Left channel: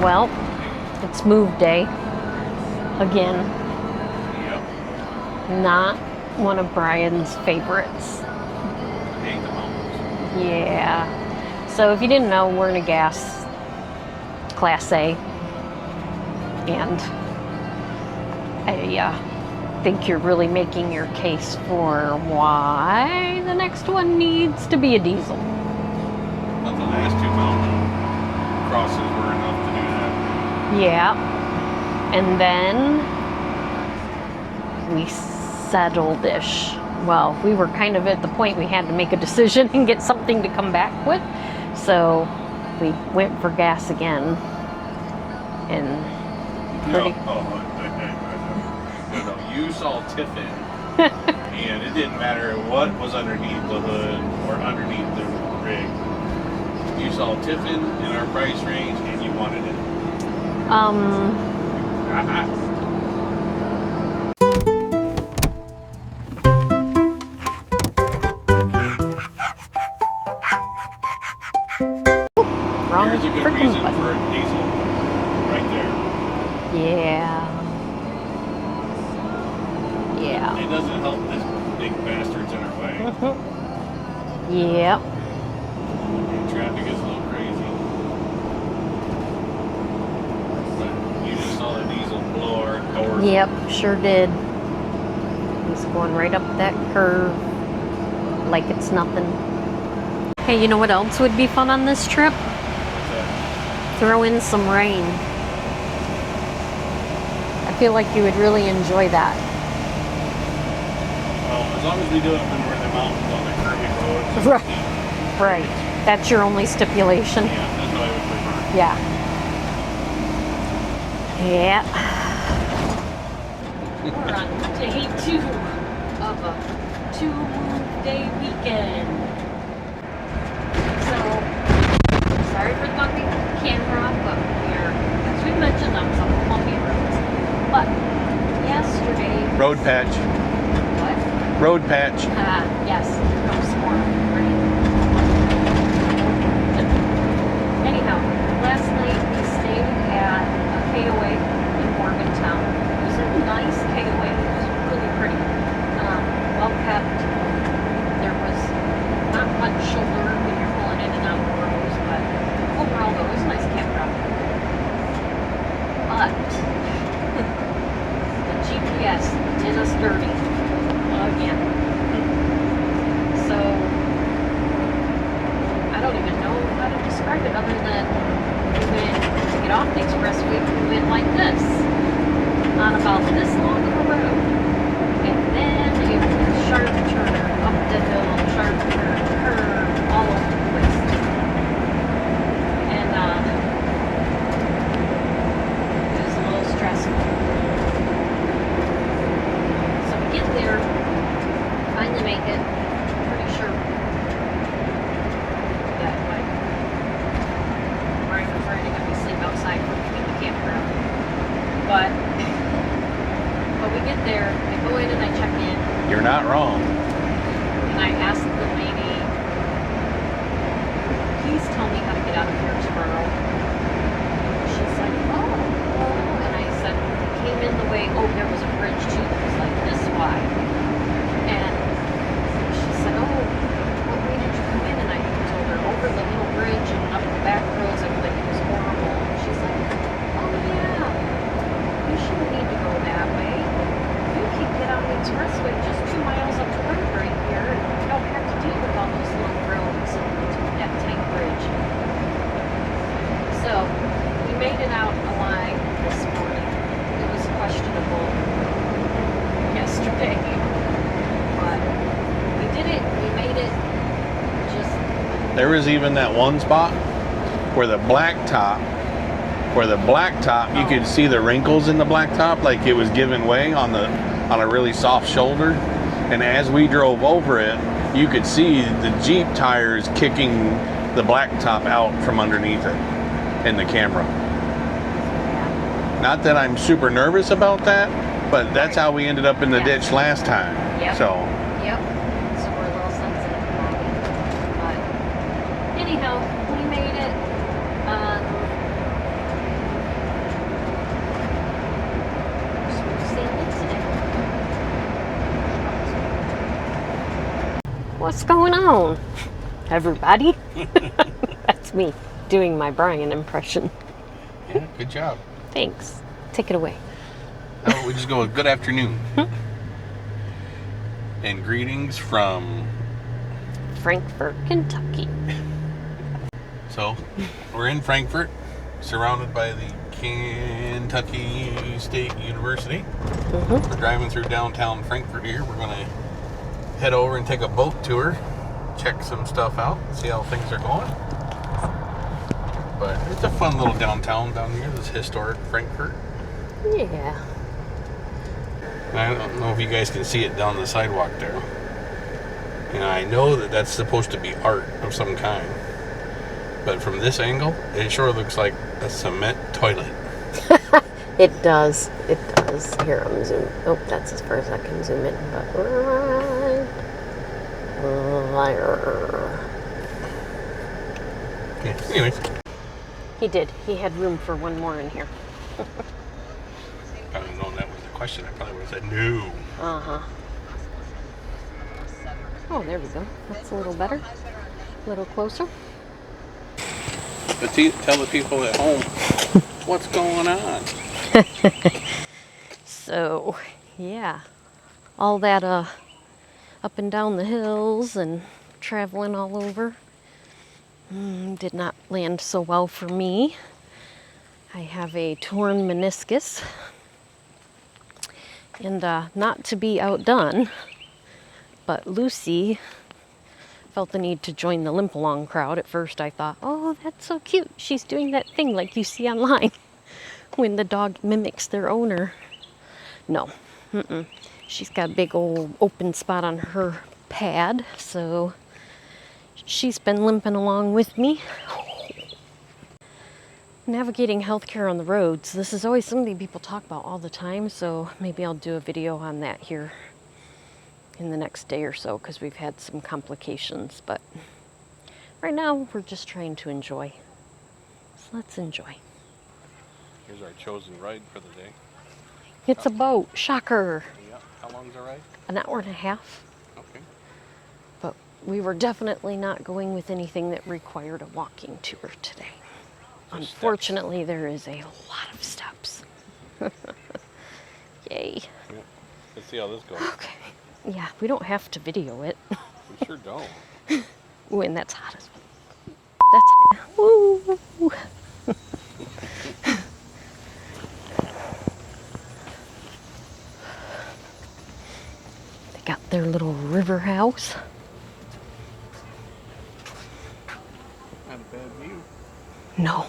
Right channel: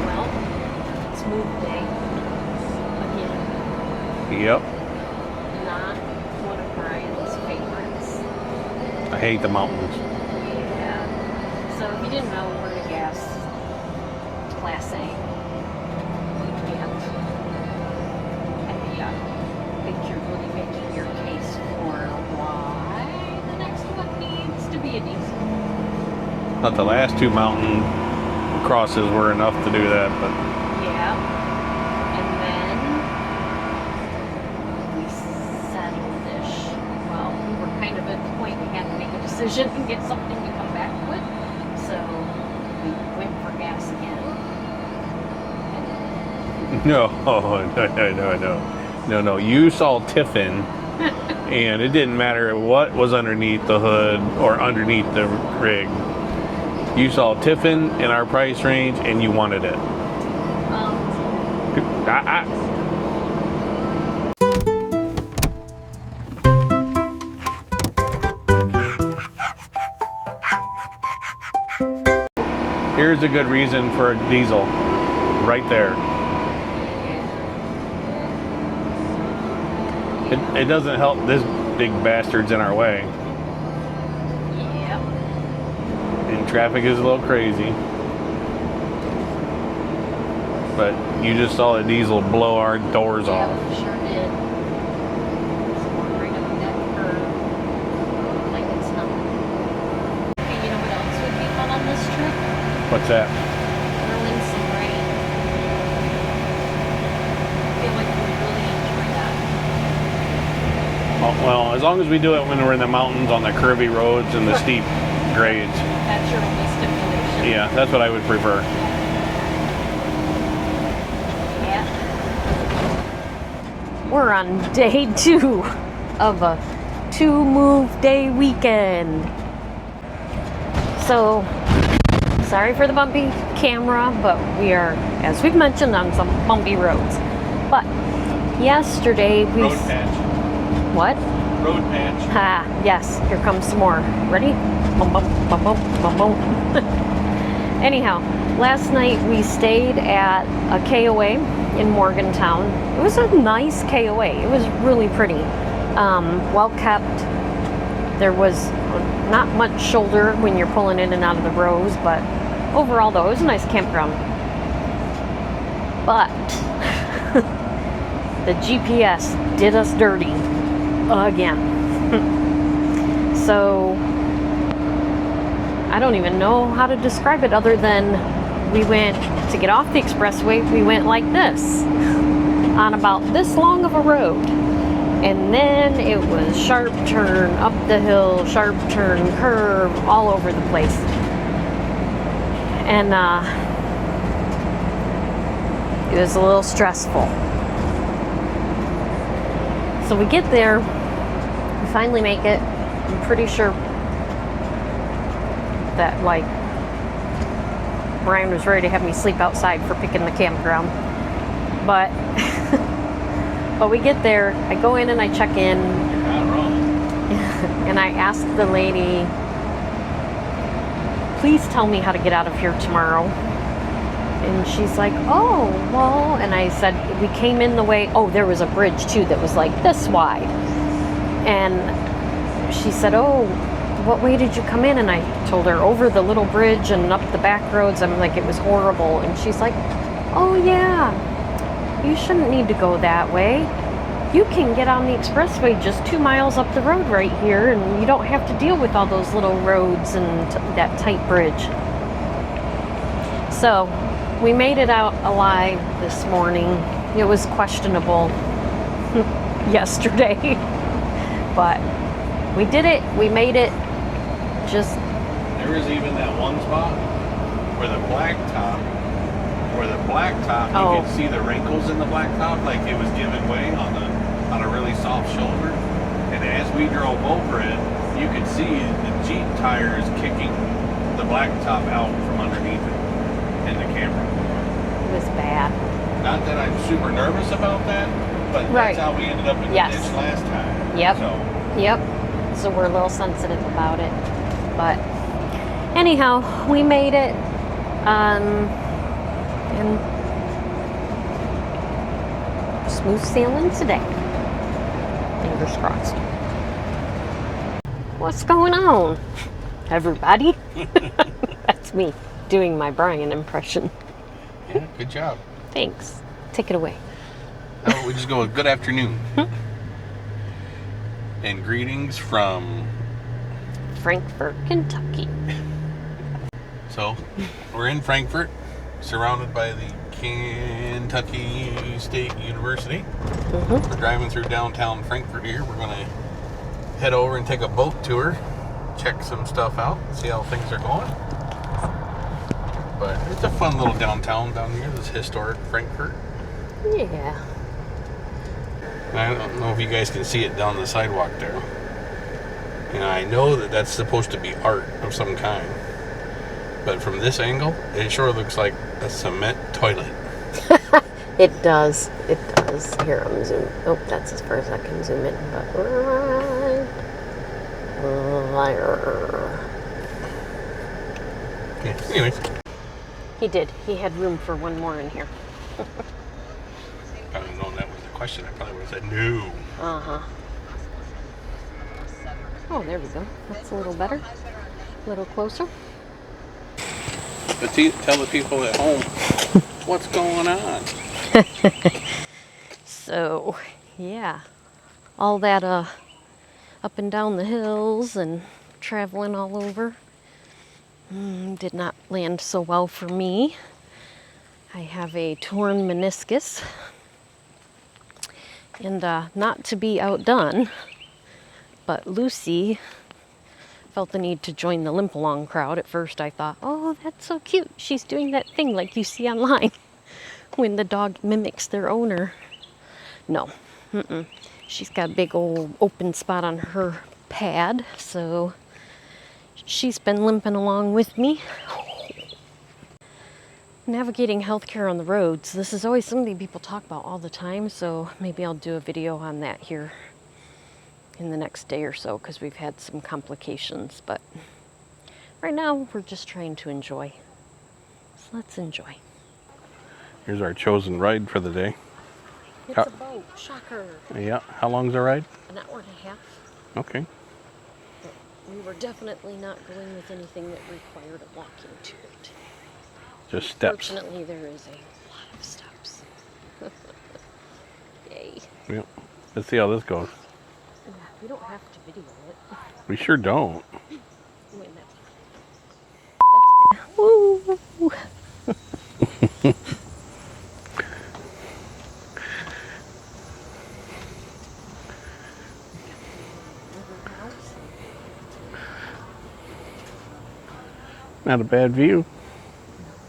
Well, it's move day again. Yep. Not one of Brian's favorites. I hate the mountains. Yeah. So if you didn't know, we're in a gas Class A. And I think you're really making your case for why the next one needs to be a diesel. But the last two mountain crosses were enough to do that. But Yeah. And then we settled-ish. Well, we were kind of at the point we had to make a decision and get something to come back with. So we went for gas again. And no, no. You saw Tiffin, and it didn't matter what was underneath the hood or underneath the rig. You saw Tiffin in our price range, and you wanted it. Here's a good reason for a diesel, right there. Yeah. It doesn't help this big bastard's in our way. Yep. And traffic is a little crazy. But you just saw a diesel blow our doors off. Yep, sure did. It's going right up that curve like it's nothing. Hey, you know what else would be fun on this trip? What's that? Throw in some rain. I feel like you would really enjoy that. Oh, well, as long as we do it when we're in the mountains on the curvy roads and the steep grades. Right. That's your only stipulation. Yeah, that's what I would prefer. Yeah. Yeah. We're on day 2 of a 2-move day weekend. So, sorry for the bumpy camera, but we are, as we've mentioned, on some bumpy roads. But yesterday we... Road patch. What? Road patch. Ah, yes. Here comes some more. Ready? Bump, bump, bump, bump, bump, bump. Anyhow, last night we stayed at a KOA in Morgantown. It was a nice KOA. It was really pretty. Well kept. There was not much shoulder when you're pulling in and out of the rows, but overall though, it was a nice campground. But the GPS did us dirty again. So I don't even know how to describe it other than we went to get off the expressway. We went like this on about this long of a road, and then it was sharp turn up the hill, sharp turn, curve, all over the place. And it was a little stressful. So we get there, we finally make it. I'm pretty sure that, like, Brian was ready to have me sleep outside for picking the campground. But but we get there, I go in and I check in. You're not wrong. And I ask the lady, please tell me how to get out of here tomorrow. And she's like, oh, well, and I said, we came in the way, oh, there was a bridge too that was like this wide. And she said, oh, what way did you come in? And I told her, over the little bridge and up the back roads. I'm like, it was horrible. And she's like, oh yeah, you shouldn't need to go that way. You can get on the expressway just 2 miles up the road right here, and you don't have to deal with all those little roads and that tight bridge. So we made it out alive this morning. It was questionable yesterday, but we did it. We made it. Just there was even that one spot where the blacktop, you could see the wrinkles in the blacktop, like it was giving way on a really soft shoulder. And as we drove over it, you could see the Jeep tires kicking the blacktop out from underneath it in the camera. It was bad. Not that I'm super nervous about that, but that's Right. how we ended up in the ditch last time. Yep. So we're a little sensitive about it. But anyhow, we made it. And smooth sailing today. Fingers crossed. What's going on, everybody? That's me doing my Brian impression. Yeah, good job. Thanks. Take it away. How about we just go with good afternoon. And greetings from Frankfort, Kentucky. So, we're in Frankfort, surrounded by the Kentucky State University. We're driving through downtown Frankfort here. We're going to head over and take a boat tour, check some stuff out, see how things are going. But it's a fun little downtown down here, this historic Frankfort. Yeah. I don't know if you guys can see it down the sidewalk there. And I know that that's supposed to be art of some kind. But from this angle, it sure looks like a cement toilet. It does. It does. Here, I'm zooming. Oh, that's as far as I can zoom in. But Okay, anyways. He did. He had room for one more in here. I don't know if that was the question. I probably would have said no. Uh-huh. Oh, there we go. That's a little better. A little closer. But tell the people at home what's going on. So, yeah. All that up and down the hills and traveling all over did not land so well for me. I have a torn meniscus. And not to be outdone, but Lucy felt the need to join the limp along crowd. At first I thought, oh, that's so cute. She's doing that thing like you see online when the dog mimics their owner. No, she's got a big old open spot on her pad, so she's been limping along with me. Navigating healthcare on the roads. This is always something people talk about all the time, so maybe I'll do a video on that here in the next day or so, because we've had some complications, but right now we're just trying to enjoy. So let's enjoy. Here's our chosen ride for the day. It's a boat. Shocker. Yeah. How long's the ride? An hour and a half. Okay. But we were definitely not going with anything that required a walking tour today. Just steps. Unfortunately, there is a lot of steps. Yay. Yep. Let's see how this goes. Okay. Yeah, we don't have to video it. We sure don't. Ooh, and that's hot as well. That's woo. They got their little river house. Not a bad view. No.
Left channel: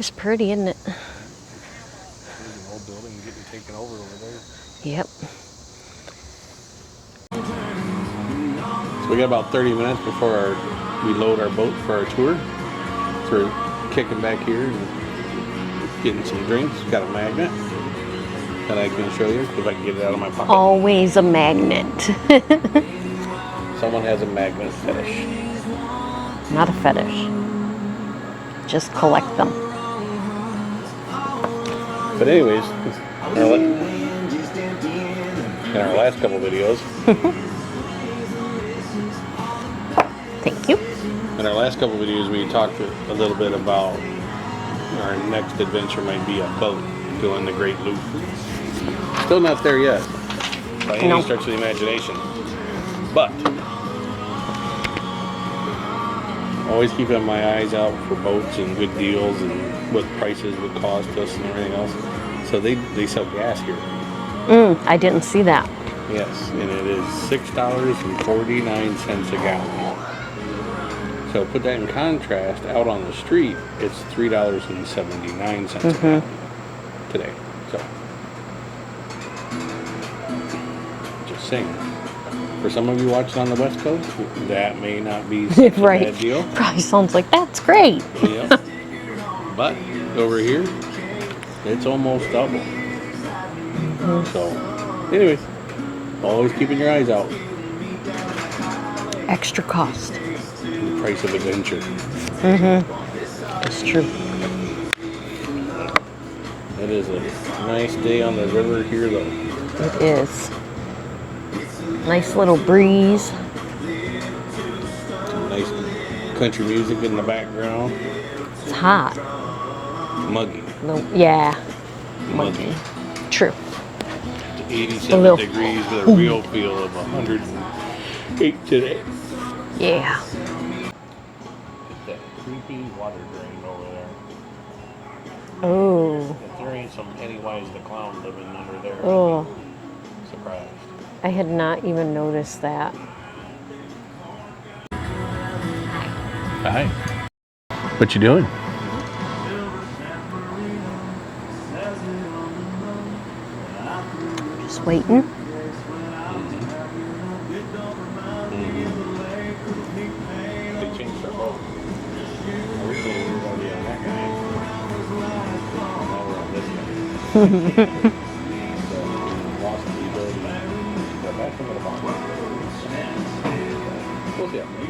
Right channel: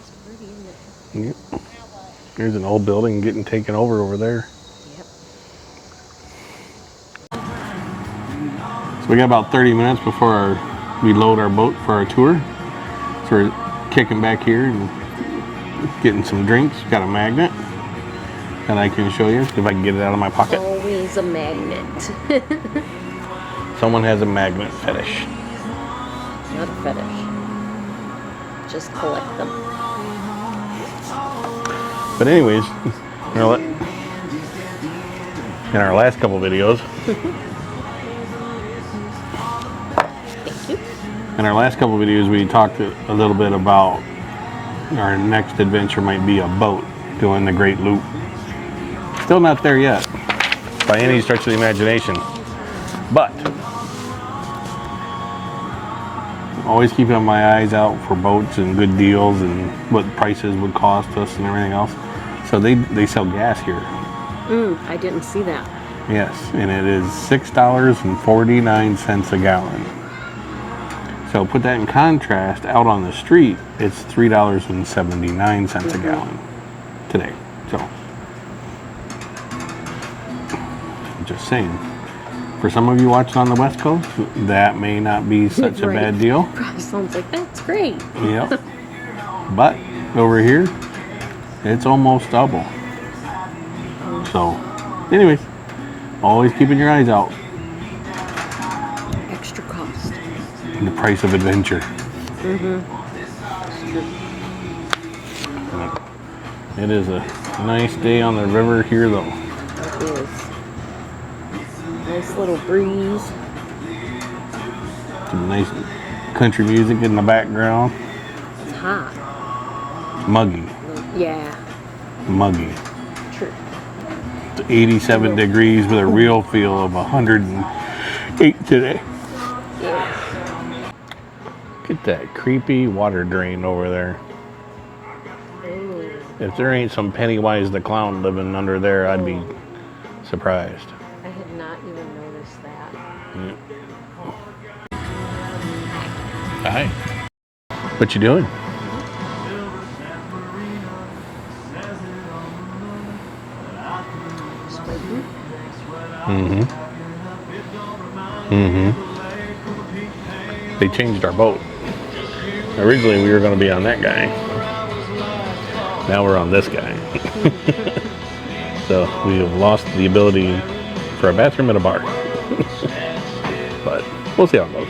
It's pretty, isn't it? Yep. Here's an old building getting taken over there. Yep. So we got about 30 minutes before we load our boat for our tour. So we're kicking back here and getting some drinks. Got a magnet that I can show you if I can get it out of my pocket. Always a magnet. Someone has a magnet fetish. Not a fetish. Just collect them. But anyways, in our last couple videos, Thank you. in our last couple videos, we talked a little bit about our next adventure might be a boat doing the Great Loop. Still not there yet, by any stretch of the imagination. But always keeping my eyes out for boats and good deals and what prices would cost us and everything else. So they sell gas here. I didn't see that. Yes, and it is $6.49 a gallon. So put that in contrast, out on the street, it's $3.79 a gallon today. So, just saying. For some of you watching on the West Coast, that may not be such a bad deal. Probably sounds like that's great. Yep. But over here, it's almost double. So, anyways, always keeping your eyes out. Extra cost. The price of adventure. It's true. It is a nice day on the river here, though. It is. Nice little breeze. Some nice country music in the background. It's hot. Muggy. Yeah. Muggy. True. It's 87 degrees with a real feel of 108 today. Yeah. Look at that creepy water drain over there. Oh. If there ain't some Pennywise the Clown living under there, I'd be surprised. I had not even noticed that. Hi. What you doing? Just waiting. They changed our boat. Originally we were going to be on that guy. Now we're on this guy. So we have lost the ability for a bathroom and a bar. But we'll see how it goes.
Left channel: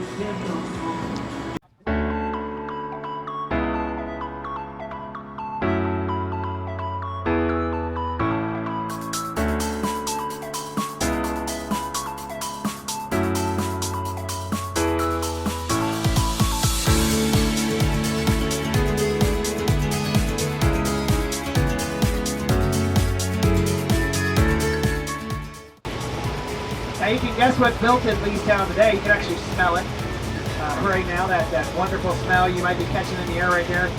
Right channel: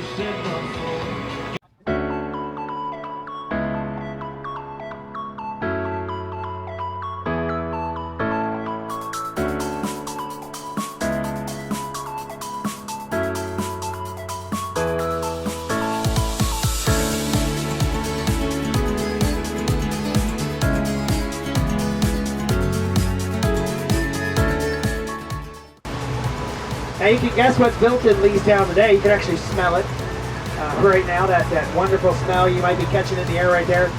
Now you can guess what's built in Leestown today. You can actually smell it right now. That wonderful smell you might be catching in the air right there.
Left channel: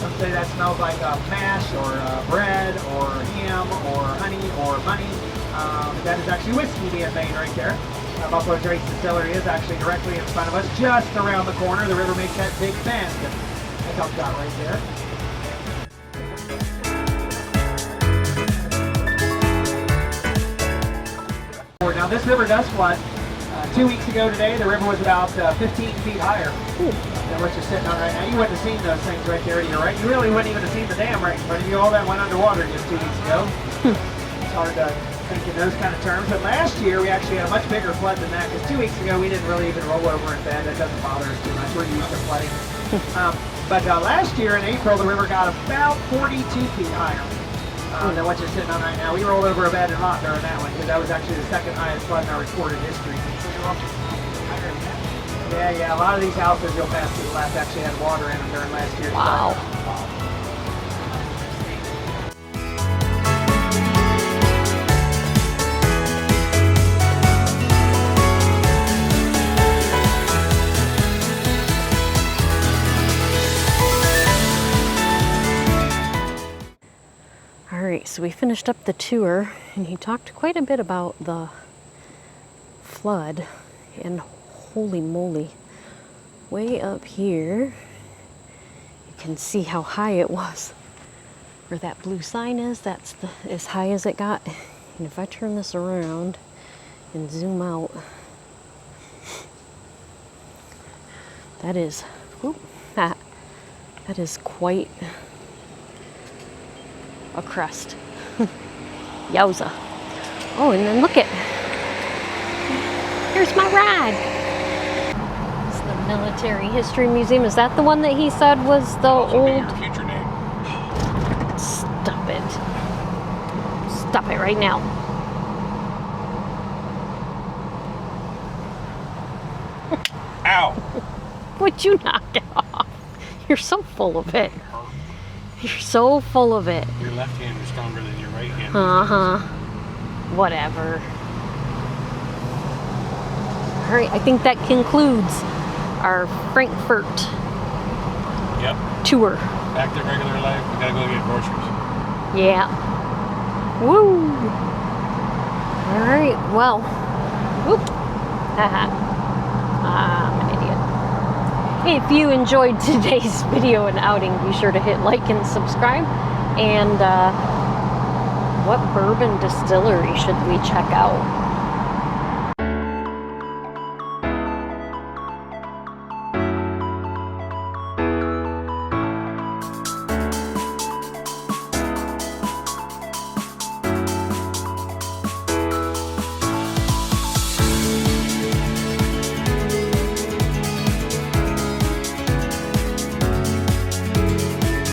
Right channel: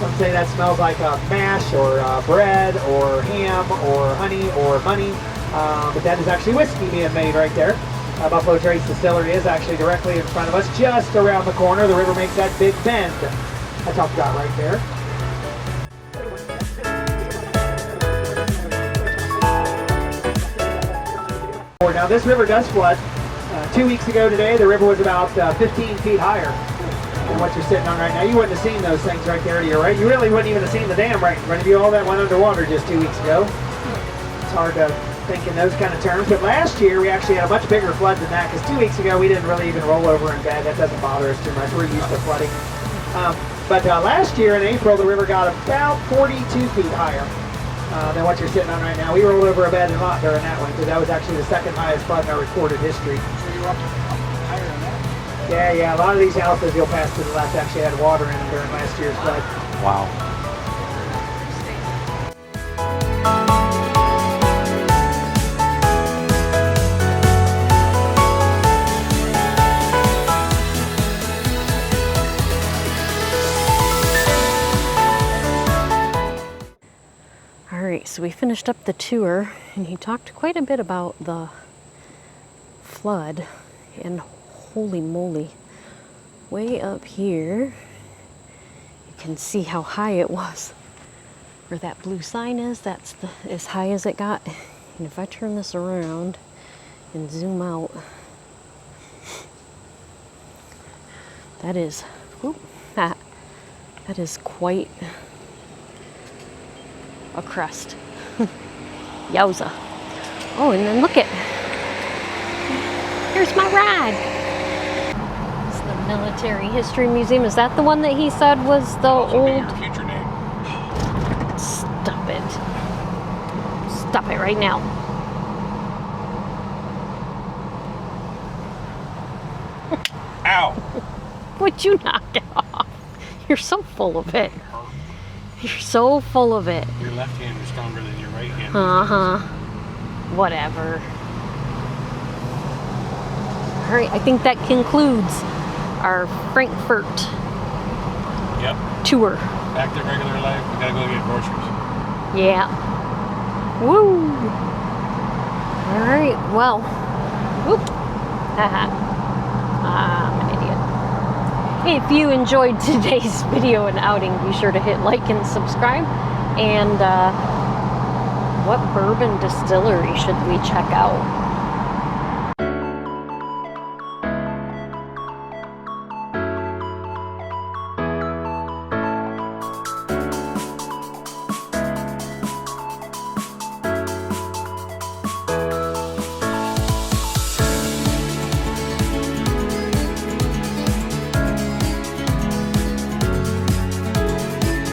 Let's say that smells like mash or bread or ham or honey or money. But that is actually whiskey being made right there. Buffalo Trace Distillery is actually directly in front of us, just around the corner. The river makes that big bend. That's how it's got right there. Now this river does flood. 2 weeks ago today, the river was about 15 feet higher than what you're sitting on right now. You wouldn't have seen those things right there to your right. You really wouldn't even have seen the dam right in front of you. All that went underwater just 2 weeks ago. It's hard to think in those kind of terms. But last year, we actually had a much bigger flood than that, because 2 weeks ago, we didn't really even roll over in bed. That doesn't bother us too much. We're used to flooding. But last year in April, the river got about 42 feet higher than what you're sitting on right now. We rolled over a bed and lot during that one, because that was actually the second highest flood in our recorded history. Yeah, a lot of these houses you'll pass to the left actually had water in them during last year's flood. Wow. Alright, so we finished up the tour, and he talked quite a bit about the flood, and holy moly, way up here you can see how high it was. Where that blue sign is, that's as high as it got. And if I turn this around and zoom out, that is, that is quite a crest. Yowza. Oh, and then look at, here's my ride. It's the Military History Museum. Is that the one that he said was the old? Your future name. Stop it. Stop it right now. Ow! Would you knock it off? You're so full of it. You're so full of it. Your left hand is stronger than your right hand. Whatever. All right, I think that concludes our Frankfort tour. Back to regular life. We gotta go get groceries. Yeah. Woo! All right, well. Whoop. Haha. I'm an idiot. If you enjoyed today's video and outing, be sure to hit like and subscribe. And what bourbon distillery should we check out?